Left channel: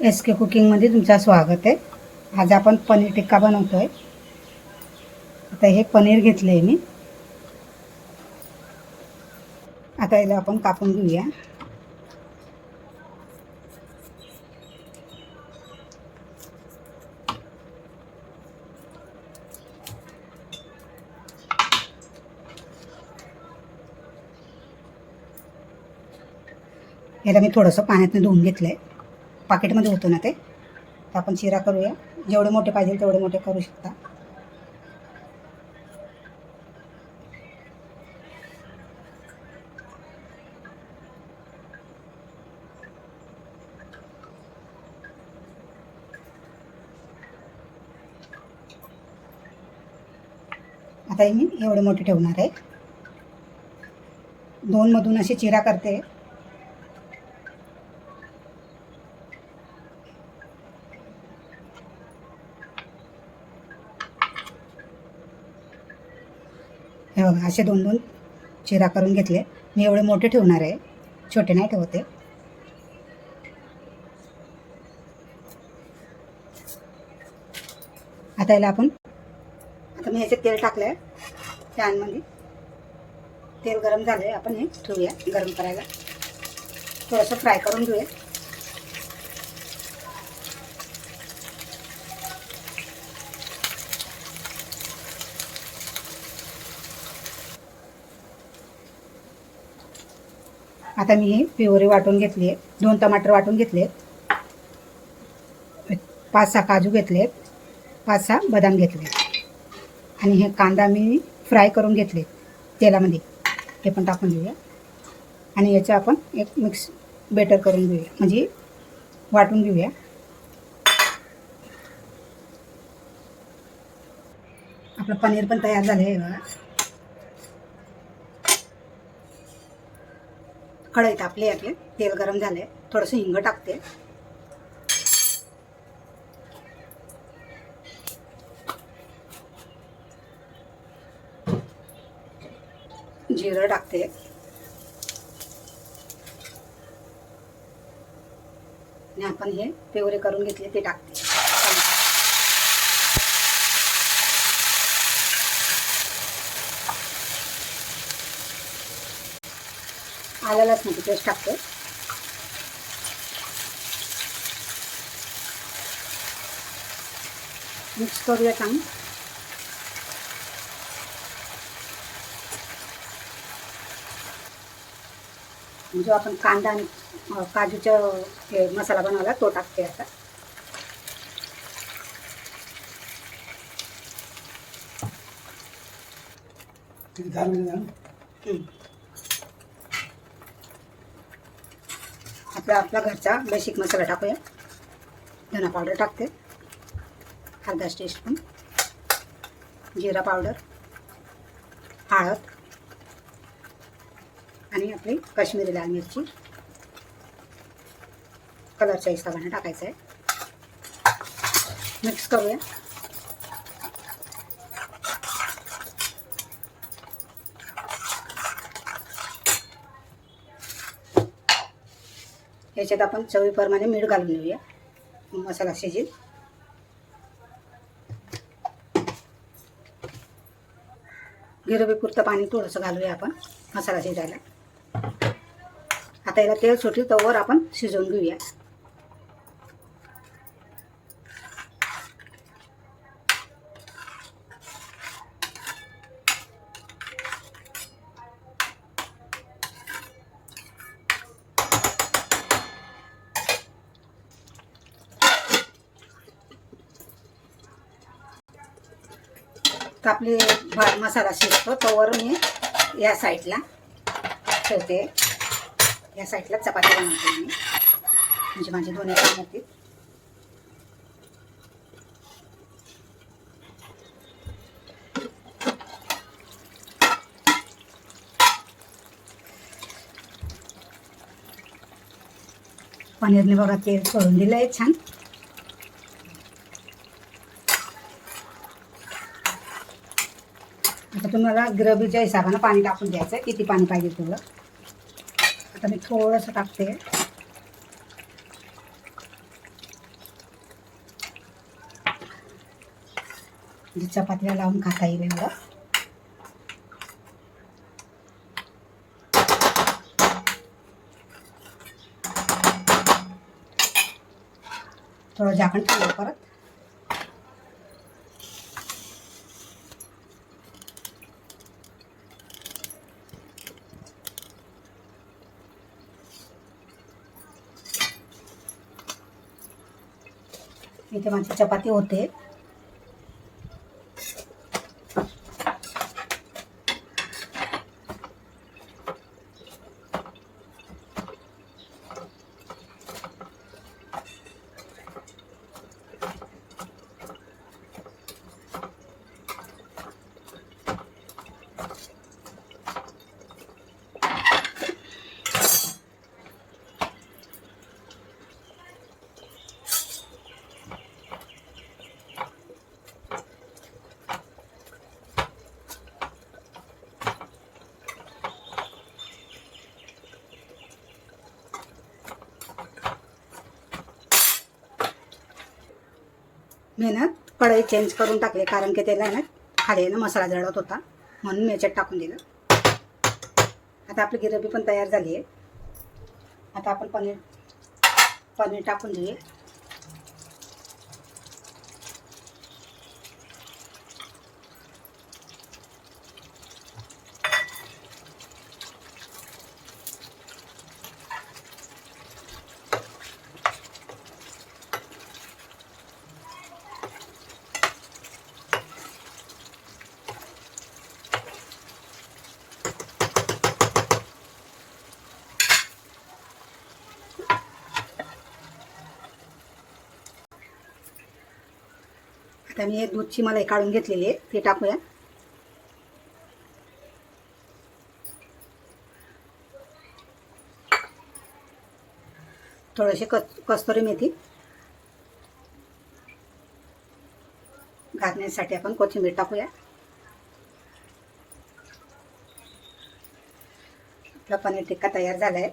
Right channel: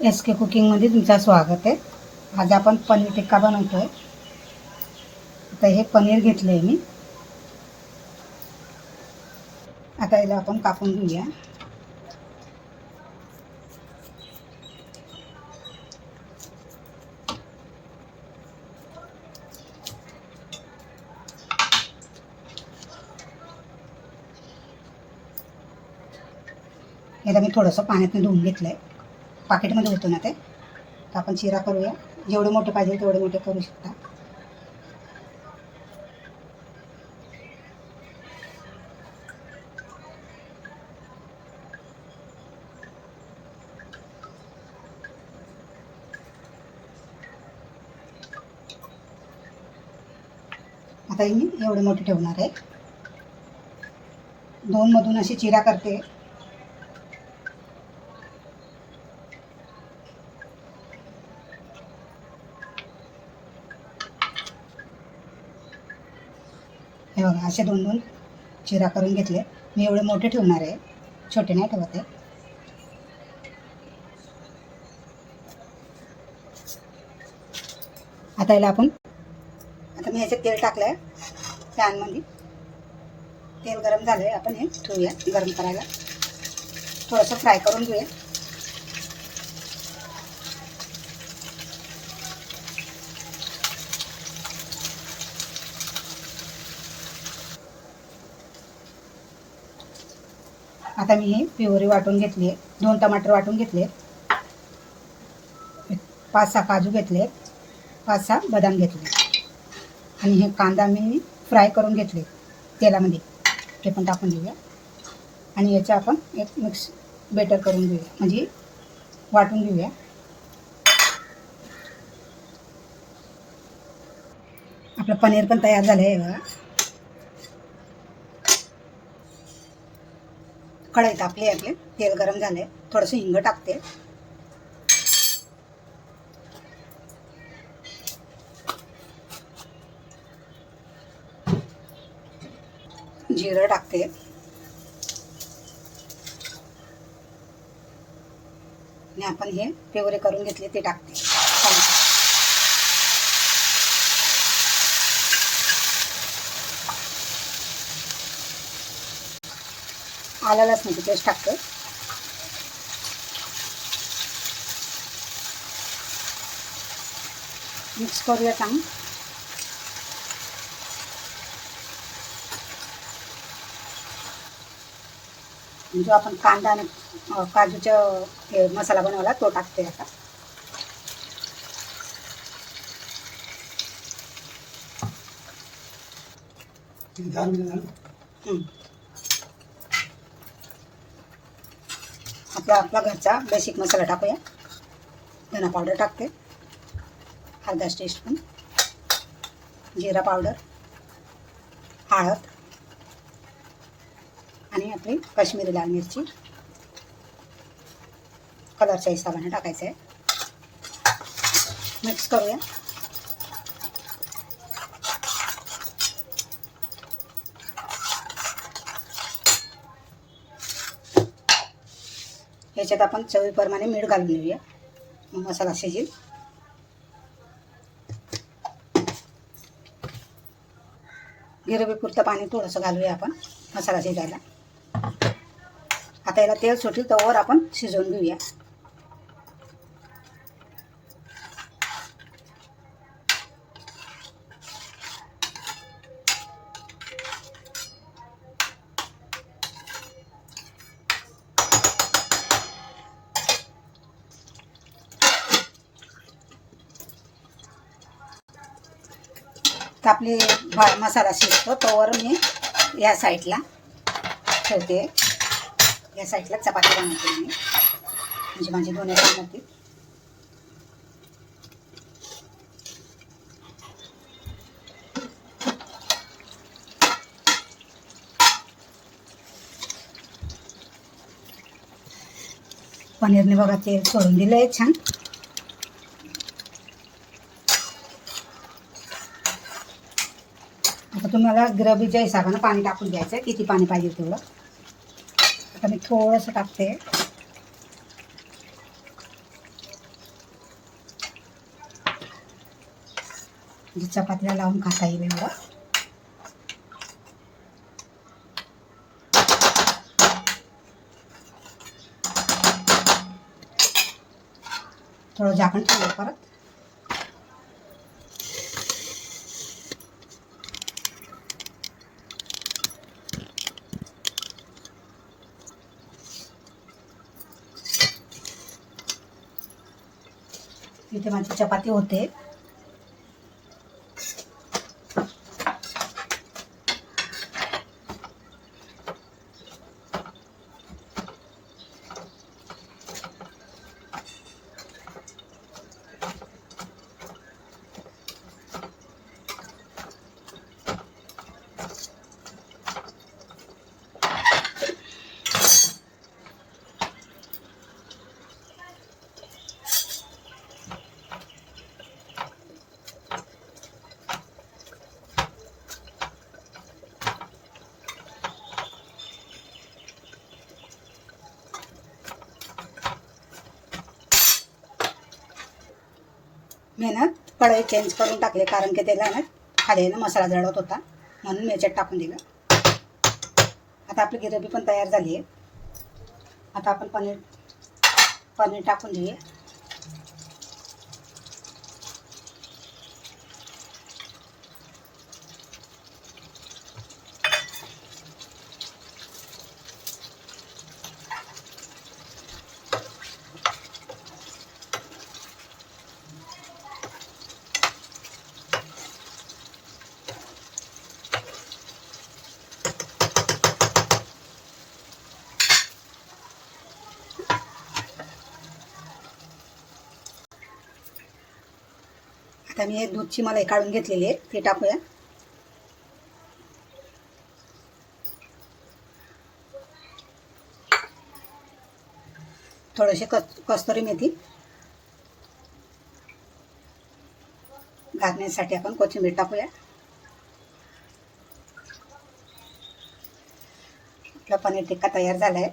SK कुकिंगमध्ये तुमचं स्वागत आहे. आज आपण पनीर टिक्का बनवतोय. आता हे पनीर घेतलं आहे मी. आता याला आपण कापून घेऊया. याला मी थोडंसं पाण्यातून धुवून घेतलं आहे. पाकिटमध्ये होतं ना ते. तर आपण चिरा करूया. जेवढे मोठे पाहिजे तेवढे मोठे करू शकता. आता मी एवढे मोठे ठेवणार आहे. 2 मधून अशी चिरा करते. हे बघा, असे 2-2 चिरा करून घेतले. मी एवढे मोठे ठेवणार आहे, छोटे नाही ठेवते. आता याला आपण मी ह्याच्यात तेल टाकलं आहे पॅनमध्ये. तेल गरम झालं आहे. आपण हे ठेवूया गरम करायला. थोडंसं फ्राय करून घेऊया. आता मी ही प्युरी वाटून घेतली आहे. 2 टमाटर वाटून घेतले, 5-6 काजू घेतले, 5-6 बदाम घेतले आणि हे कांदा मी फ्राय करून घेतले तेलामध्ये. हे पण टाकून घेऊया आणि याचं आपण एक मिक्स बेटर करून घेऊया, म्हणजे वाटून घेऊया. आपलं पनीर पण तयार झालं आहे बघा. कढई तापली आपले, तेल गरम झालं आहे. थोडंसं हिंग टाकते. जिरं टाकते. आणि आपण हे प्युरी करून घेतले ते टाकते. आलं लसणाची पेस्ट टाकते. मिक्स करूया चांगलं. जो आपण कांदा आणि काजूचा मसाला बनवला तो टाकते आता. आपला घरचा बेसिक मसाला टाकूया. धना पावडर टाकते, अर्धा टीस्पून. जिरा पावडर, हळद आणि आपली काश्मीरी लाल मिरची. कलरच्या हिशोबाने टाकायचं आहे. मिक्स करूया. याच्यात आपण चवीप्रमाणे मीठ घालून घेऊया. मसाला शिजेल. गिरवीपुरतं पाणी थोडंसं घालूया आपण मसाला शिजायला. आता याला तेल सुटेल तोवर आपण शिजवून घेऊया. तर आपली मसाला शिजतो तोवर मी या साईडला ठेवते. या साईडला चपाती बनवते मी, म्हणजे माझे दोन्ही काम होतील. पनीरने बघा तेल सोडून दिलं आहे छान. आता तुम्हाला ग्रेव्हीच्या हिशोबाने पाणी टाकून द्यायचं आहे. किती पाणी पाहिजे तेवढं. आता मी थोडंसं टाकते. म्हणजे चपातीला लावून खाता येईल एवढं. थोडं झाकण ठेवलं परत. इथे माझी चपाती होते. मी ना कढई चेंज करून टाकले, कारण की त्याला ना खाली ना मसाला जळत होता, म्हणून मी याच्यात टाकून दिलं. आता आपली गिरवी पण तयार झाली आहे. आता आपण पनीर टाकून देऊया. आता मी एक दूधची मलाई काढून घेतलेली आहे, ती टाकूया. थोडीशी कस्तुरी मेथी घालण्यासाठी आपण कोथिंबीर टाकूया. आपला पनीर टिक्का तयार झाला आहे.